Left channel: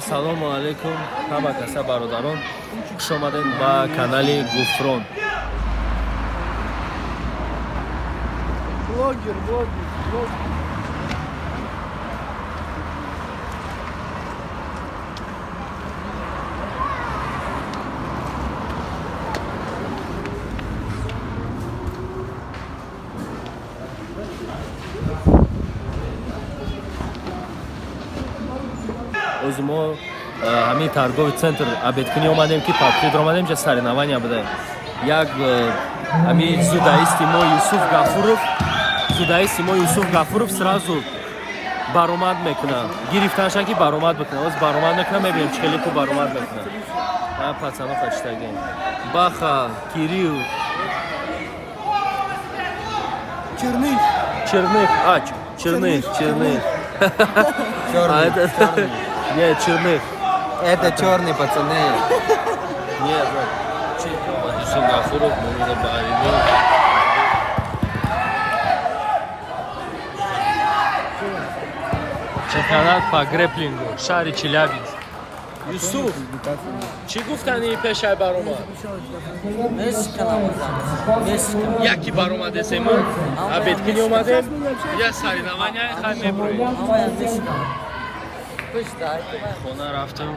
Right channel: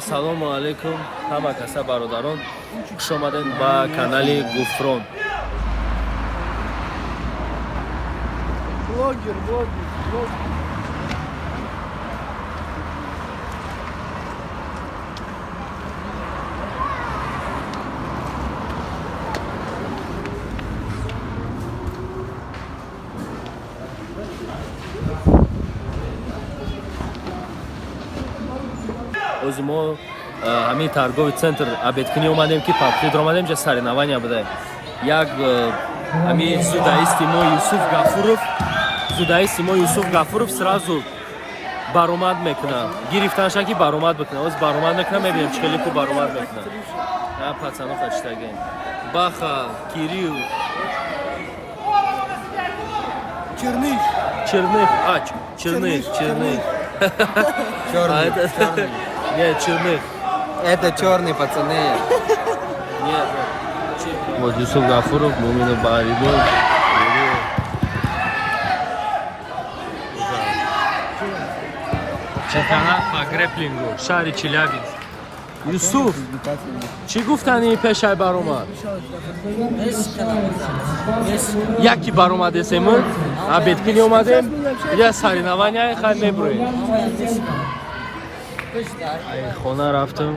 Ассалому алейкум, ҳама каса бародарон, хуш омадед ба канали Гуфрон. Блогер. O'zi мо ҳамин торговый центр обедкунӣ омадем ки пабхид омадем ҷа саринавания будаем. Як ҳамин зудаисти мо Юсуф Гафуров сразу баромад мекунад. Гирифтанша ки баромад бикунад. Оз баромад мекунад, мебинем чӣ хеле ку баромад мекунад. На пацано фаштагем. Баха, Кирилл. Черных. Нет, черных. Это черные пацаны. Нет. Вот Юсуф Гафуров, Мумина Барида. Чемпионат по грэплингу, шари Челябинск. Юсуф, чӣ гуфтани пешай баромад? Яки баромад десему? Обедкунӣ омадем? Я саринавания хай меброем. Хона рафтем.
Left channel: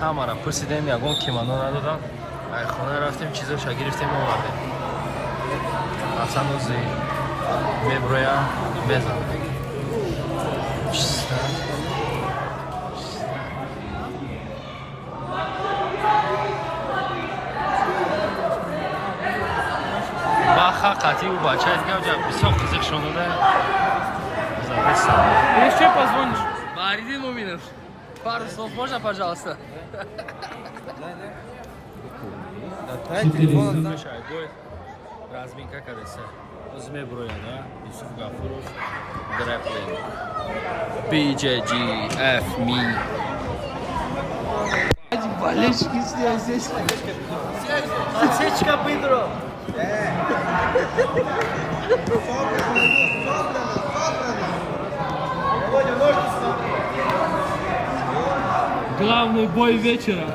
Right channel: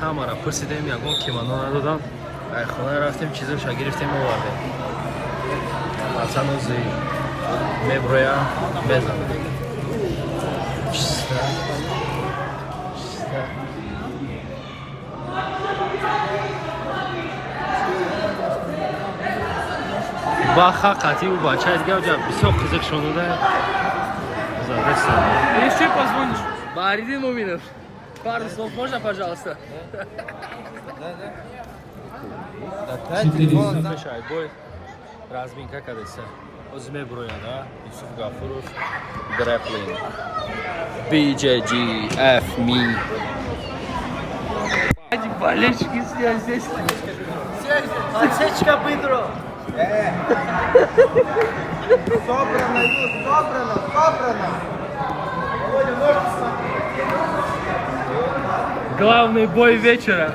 Ҳамара пурсидем, ягон кимоно надодам. Хона рафтем, чизоша гирифтем овардем. Пацану меброям, мезанам. Баха қатъи у бача дигар ҷа бисёр қизиқ шунуда. Еще позвонишь? Баридин Муминов. Пару слов можно, пожалуйста? Мешай, бой. Разминка кадеса. Озме броя, да? Юсуф Гафуров. Грэплинг. BJGF me. Болельщики здесь. Отсечка Петро. Главный бой вечера.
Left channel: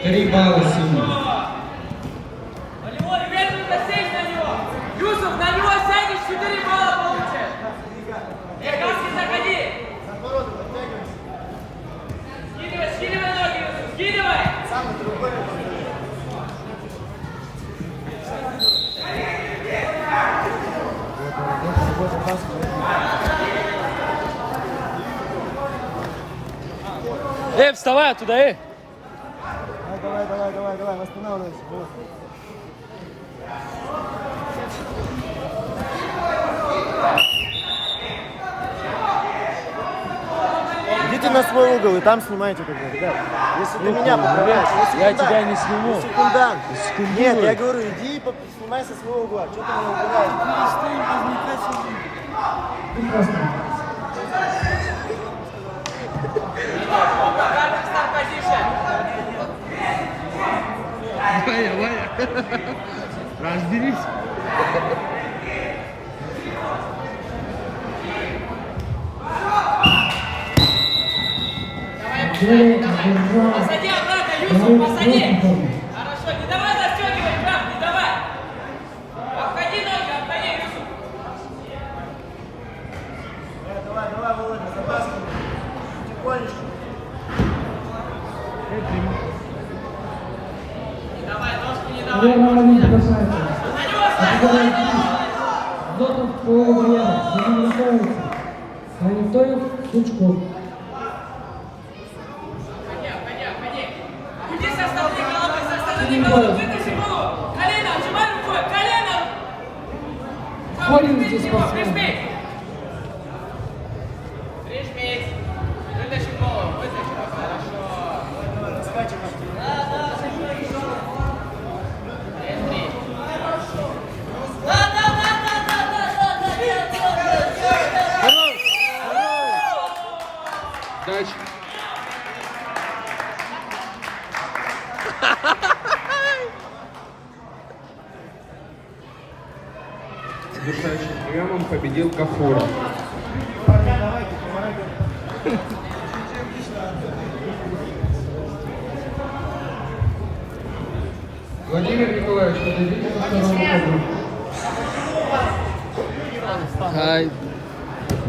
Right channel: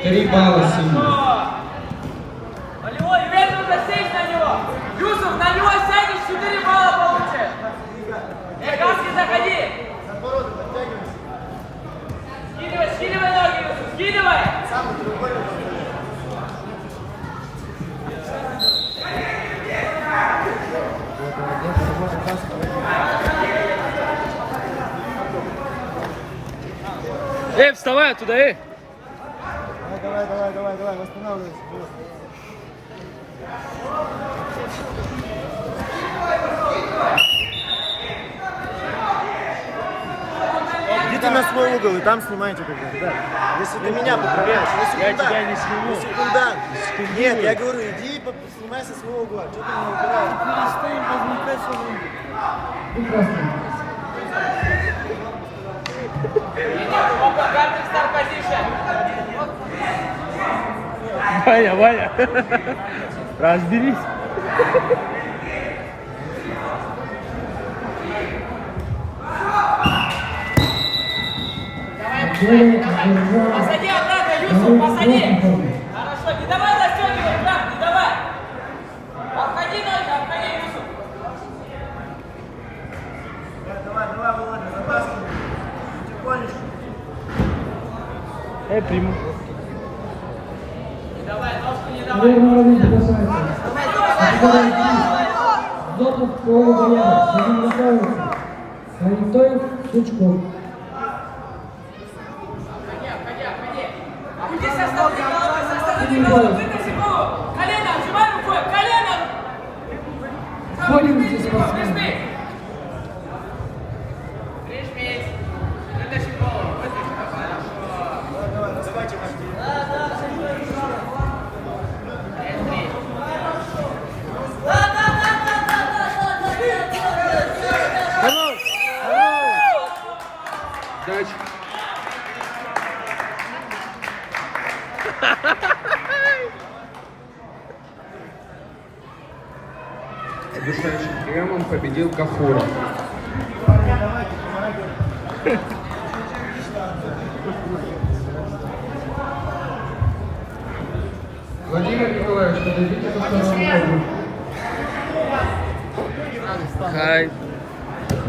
Три балла сильно. Юсуф, на него сядешь, 4 балла получишь. Каски, заходи. Скидывай ноги, скидывай. Вставай оттуда, Давай, восстанавливайся. Идите на свой угол и там снимайте как бы, ребят. Если ты меня поправляешь, я тебя не сниму. Нет, я говорю, иди и снимай со своего угла. Что ты меня убираешь? Ваня, разберись. Посади обратно, Юсуф, посади. Хорошо, не давай застегивать, брат, не давай. Обходи ноги, обходи, Юсуф. Не давай, ножку не давай. Зотов Боянов, будем готовиться. Аритоев, Сучков. Уйди со стороны головы, со стороны головы, вытащи голову. Колено, отжимай рукой, колено. Входим Прижмись здесь, его, спортсмен. прижмись. Прижмись. Вытащи голову, вытащи. Дальше. Решающим приемом победил Кафуров. Владимир Николаевич, подойдите на вторую. Хай.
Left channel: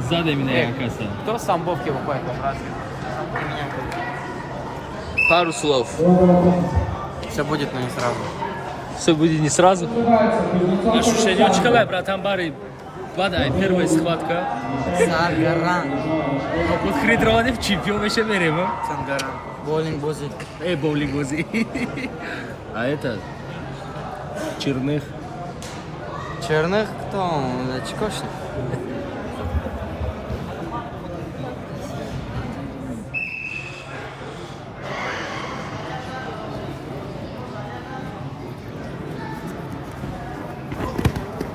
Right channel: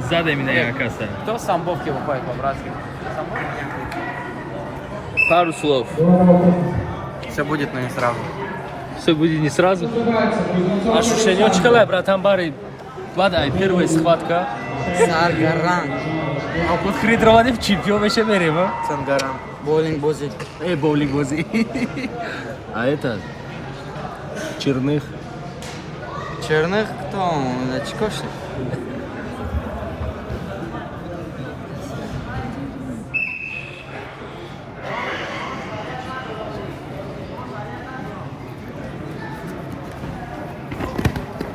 Задай меня, Якаса. Кто с Самбовки выходит по-братски? Пару слов. Все будет, но не сразу. Все будет не сразу. Ощущение очень хорошее, братан Барри. Ладно, первая схватка. Саргаран. А под Хридрованев чемпион еще берем, а? Сангаран. Боулинг Бузи. Боулинг вози. А это? Черных. Черных кто? Очкошник.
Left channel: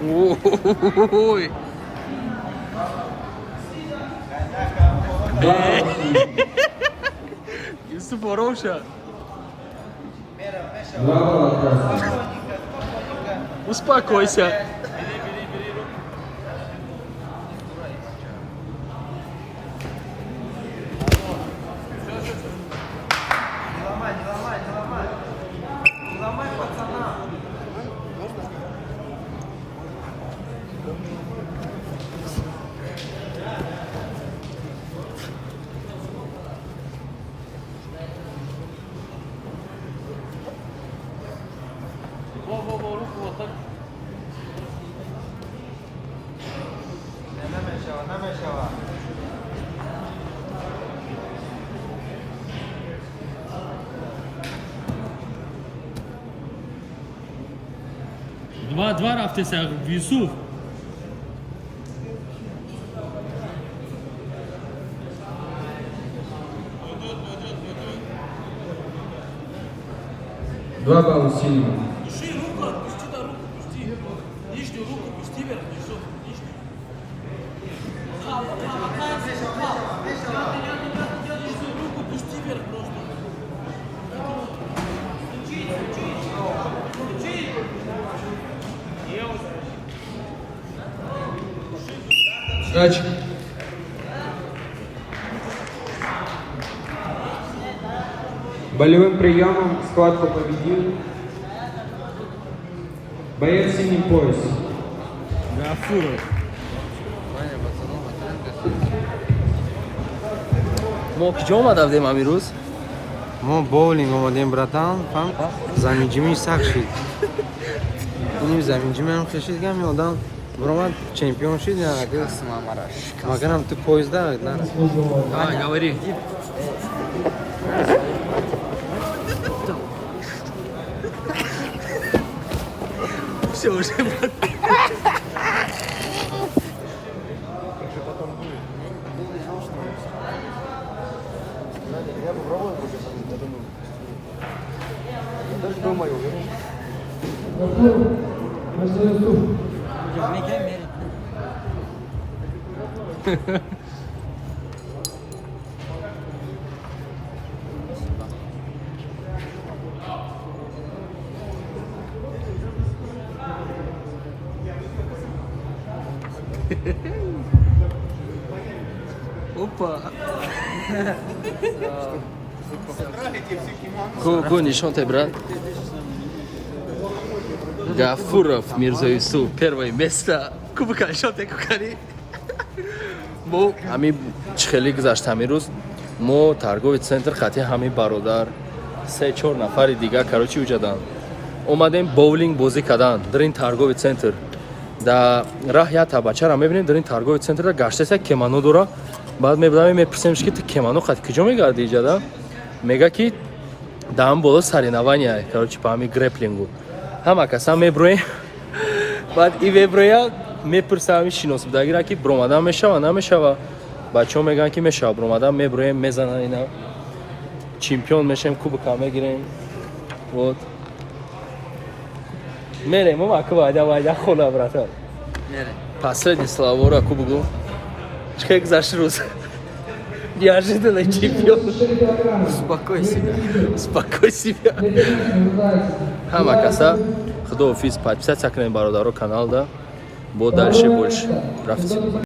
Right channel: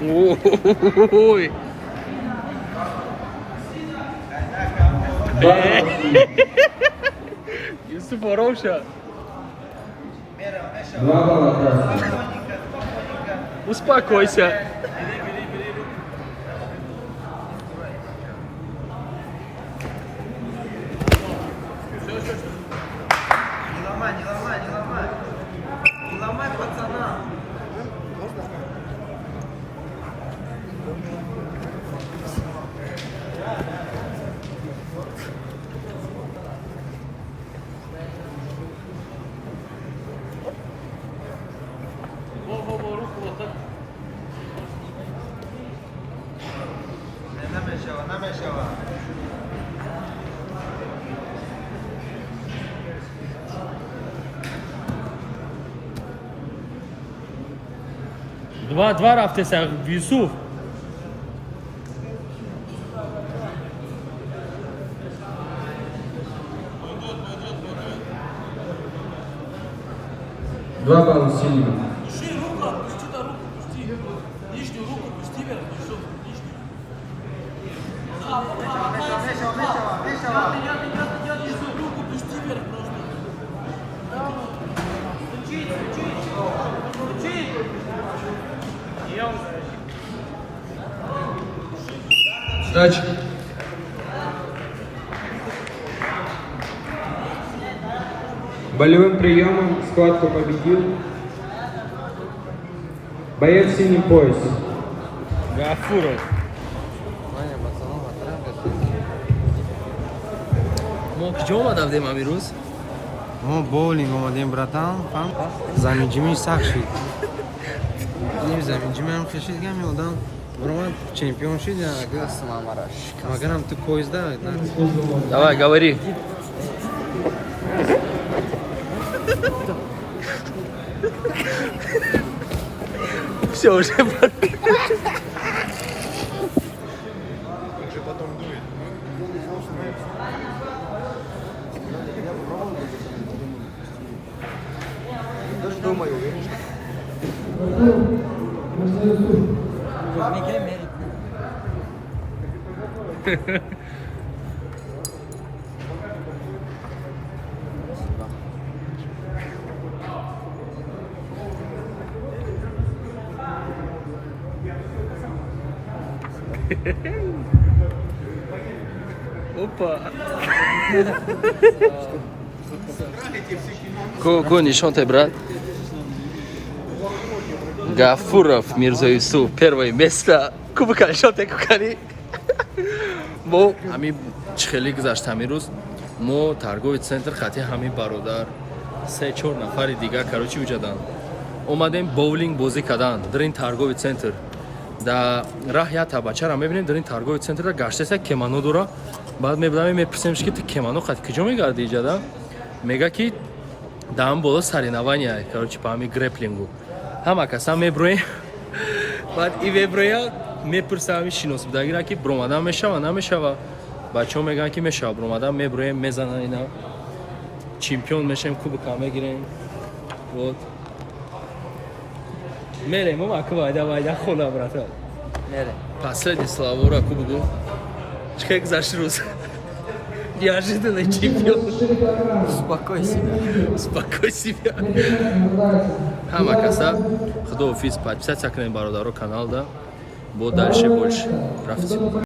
Ой. Юсуф Ороша. Успокойся. Два рафтеса Юсуф. Два балла сильного. Сдача. Болевым приемом схватку победил боец синий пояс. Гафуров. ما کجا اومد رفتیم امروز؟ ما بولینگ اومدیم براتان فهم زمینجیمی سخت شد اینیم زمینجیمی هم خشید گم یادم برامد چمپیون شد یا اگه مگرم تو پویزده نه Давай, говори. Все, уже Опа. Ку нишон те, брат. Гафуров Мирза Юсуф, первое место. Кубка нишон те кукани. Мо ами чхели гузашт ҳамин рӯз мо торговый центр хати ҳамин бародар 3-4 нафари дига короче уҷадан омадем боулинг бозӣ кардан дар ин торговый центр да раҳ якта бачаро мебинем дар ин торговый центр гаштеса кемано дора баъд мебудам мепурсемш ки ту кемано хати куҷо мегарди иҷада мега ки да ҳам боло соревнования короче по ҳамин греплингу ҳама каса меброем баъд и меброяд мепурсам ҳамин шиносбудагира ки бромадан мешава намешава бачаҳо мегӯянд ки мешава бромадан меброем мезанан ина чемпион мешем кубка мегирем вот мерем маку вайда хона братан последний слова раку бугу чекай гузашти рӯз неожиданный чемпион Успокой себя. успокой себя ҳама каса худоҳофиз подписатсия кунем бародаро каналда бо дальше больше рафтим